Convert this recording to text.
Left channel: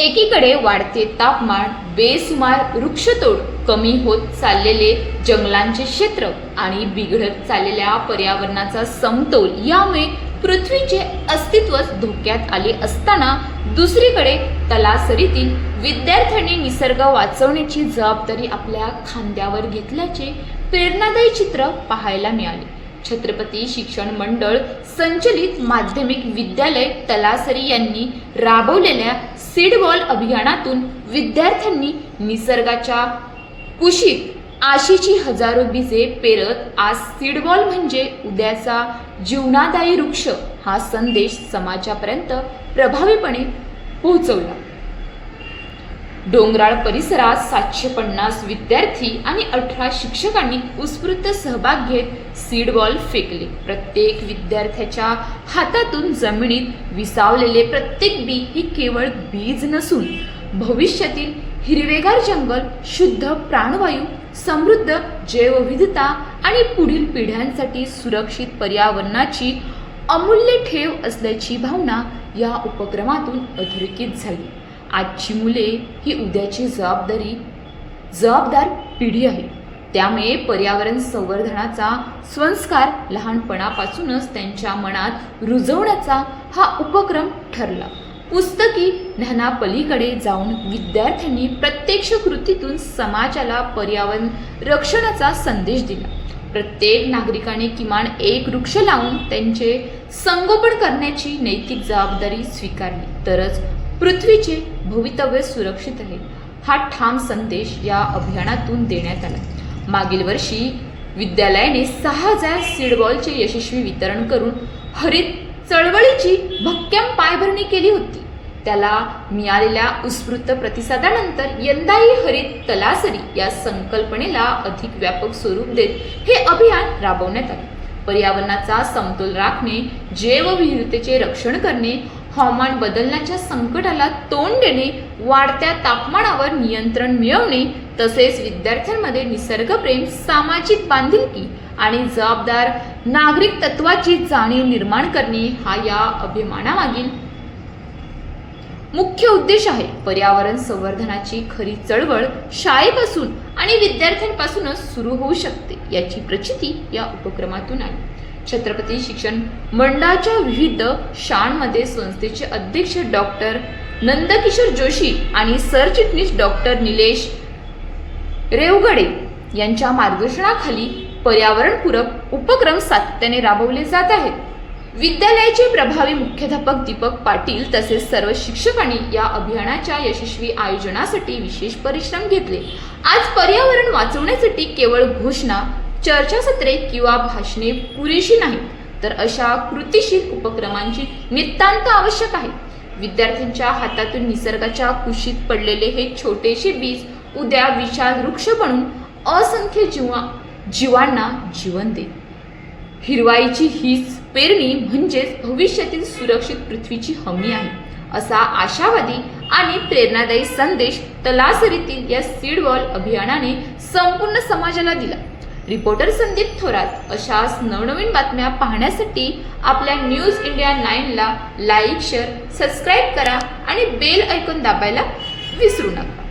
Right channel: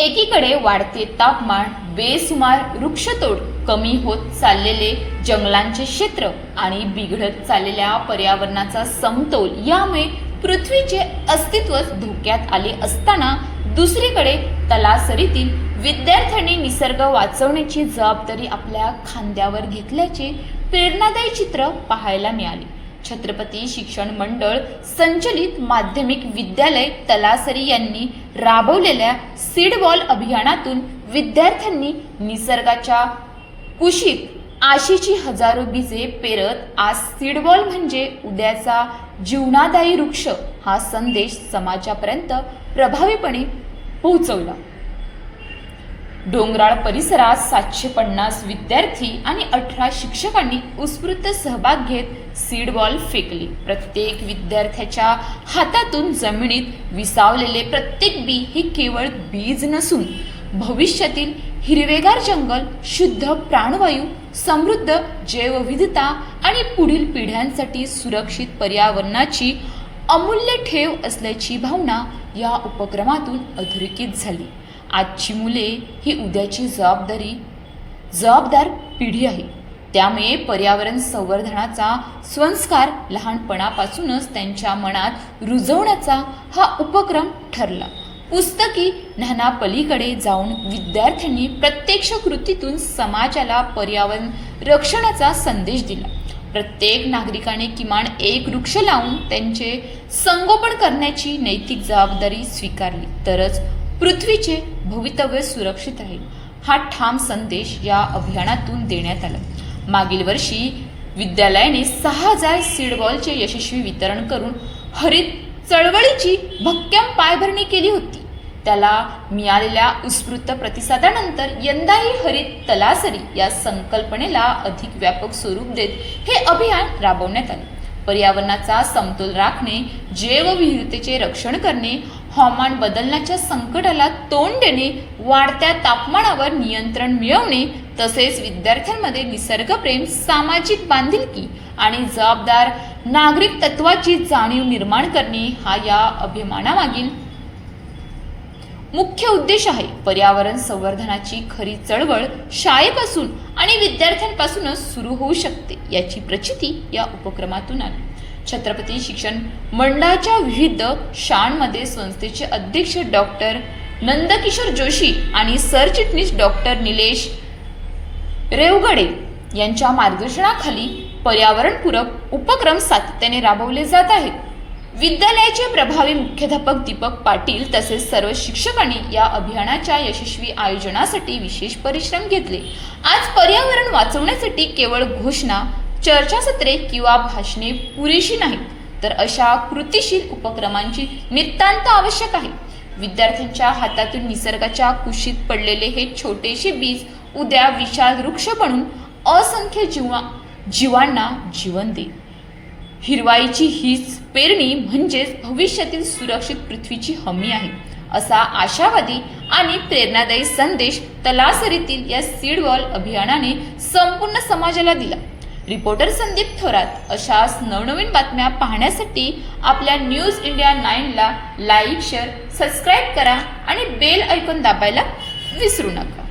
एकीकडे वाढते तापमान, बेसुमार वृक्षतोड, कमी होत चाललेले जंगलांचे क्षेत्र आणि बिघडत चाललेल्या पर्यावरणाचा समतोल यामुळे पृथ्वीचे अस्तित्वच धोक्यात आले असताना दुसरीकडे तलासरीतील विद्यार्थ्यांनी निसर्ग वाचवण्याची जबाबदारी आपल्या खांद्यावर घेतल्याचे प्रेरणादायी चित्र पाहायला मिळाले। छत्रपती शिक्षण मंडळ संचलित माध्यमिक विद्यालय तलासरी यांनी राबवलेल्या सीड बॉल अभियानातून विद्यार्थ्यांनी निसर्गाच्या कुशीत आशेची हजारो बीजे पेरत आज सीड बॉल म्हणजे उद्याचा जीवनादायी वृक्ष हा संदेश समाजापर्यंत प्रभावीपणे पोहोचवला। डोंगराळ परिसरात 750 विद्यार्थी आणि 18 शिक्षकांनी उत्स्फूर्त सहभाग घेत सीड बॉल फेकले। प्रत्येक विद्यार्थ्याच्या हातातून जमिनीत विसावलेले प्रत्येक बी हे केवळ बीज नसून भविष्यातील हिरवेगार जंगल, शुद्ध प्राणवायू, समृद्ध जैवविविधता आणि पुढील पिढ्यांसाठी सुरक्षित पर्यावरणाची अमूल्य ठेव असल्याची भावना या उपक्रमातून अधोरेखित झाली। आजची मुले ही उद्याची जबाबदार पिढी आहे, त्यामुळे पर्यावरण संवर्धनाचा संस्कार लहानपणापासूनच त्यांच्या मनात रुजवण्याचा हा उपक्रम ठरला। पुस्तकी ज्ञानापलीकडे जाऊन विद्यार्थ्यांनी प्रत्यक्ष कृतीतून समाजाला पर्यावरण रक्षणाचा संदेश दिला। प्रत्येक नागरिकाने किमान एक वृक्ष लावून त्यांचे संगोपन करण्याची नैतिक जबाबदारी स्वीकारली तरच पृथ्वीचे भवितव्य सुरक्षित राहील, हा ठाम संदेश या अभियानातून देण्यात आला। मागील वर्षी विद्यालयाने 6000 सीड बॉलचे यशस्वी वितरण करून हरित चळवळीची भक्कम पायभरणी केली होती। त्याला मिळालेल्या उत्स्फूर्त प्रतिसादानंतर यंदाही हरित तलासरी या संकल्पनेला अधिक व्यापक स्वरूप देत हे अभियान राबवण्यात आले। पर्यावरणाचा समतोल राखणे, जैवविविधतेचे रक्षण करणे, हवामान बदलण्याच्या संकटाला तोंड देणे, वाढत्या तापमानावर नियंत्रण मिळवणे तसेच विद्यार्थ्यांमध्ये निसर्गप्रेम, सामाजिक बांधिलकी आणि जबाबदार नागरिक तत्वाची जाणीव निर्माण करणे हा या अभियानामागील मुख्य उद्देश आहे। पर्यावरण संवर्धनाची खरी चळवळ शाळेपासून आणि विद्यार्थ्यांपासूनच सुरू होऊ शकते याची प्रचिती या उपक्रमातून आली। छत्रपती शिक्षण मंडळाच्या विविध शाळांमध्ये संस्थेचे अध्यक्ष डॉक्टर नंदकिशोर जोशी आणि सरचिटणीस डॉक्टर निलेश रेवगडे यांच्या मार्गदर्शनाखाली पर्यावरणपूरक उपक्रम सातत्याने राबवले जात आहेत। विद्यालयाचे प्रभावी मुख्याध्यापक दीपक पाटील तसेच सर्व शिक्षकांनी या अभियानाच्या यशस्वी आयोजनासाठी विशेष परिश्रम घेतले। आज पर्यावरण वाचवण्यासाठी केवळ घोषणा, चर्चासत्रे किंवा भाषणे पुरेशी नाहीत, तर अशा कृतीशील उपक्रमांची नितांत आवश्यक आहे। विद्यार्थ्यांच्या हातातून निसर्गाच्या कुशीत पडलेले हे छोटेसे बीज उद्या विशाल वृक्ष बनून असंख्य जीवांना जीवन देईल। हिरवाईची हीच पेरणी म्हणजेच भविष्यातील सुरक्षित पृथ्वीची हमी आहे, असा आशावादी आणि प्रेरणादायी संदेश तलासरीतील या सीड बॉल अभियानाने संपूर्ण समाजाला दिला। रिपोर्टर संदीप थोरात अशाच नवनवीन बातम्या पाहण्यासाठी आपल्या न्यूज इंडिया 9 ला लाईक, शेअर, सबस्क्राईब करा आणि बेल आयकॉन दाबायला विसरू नका।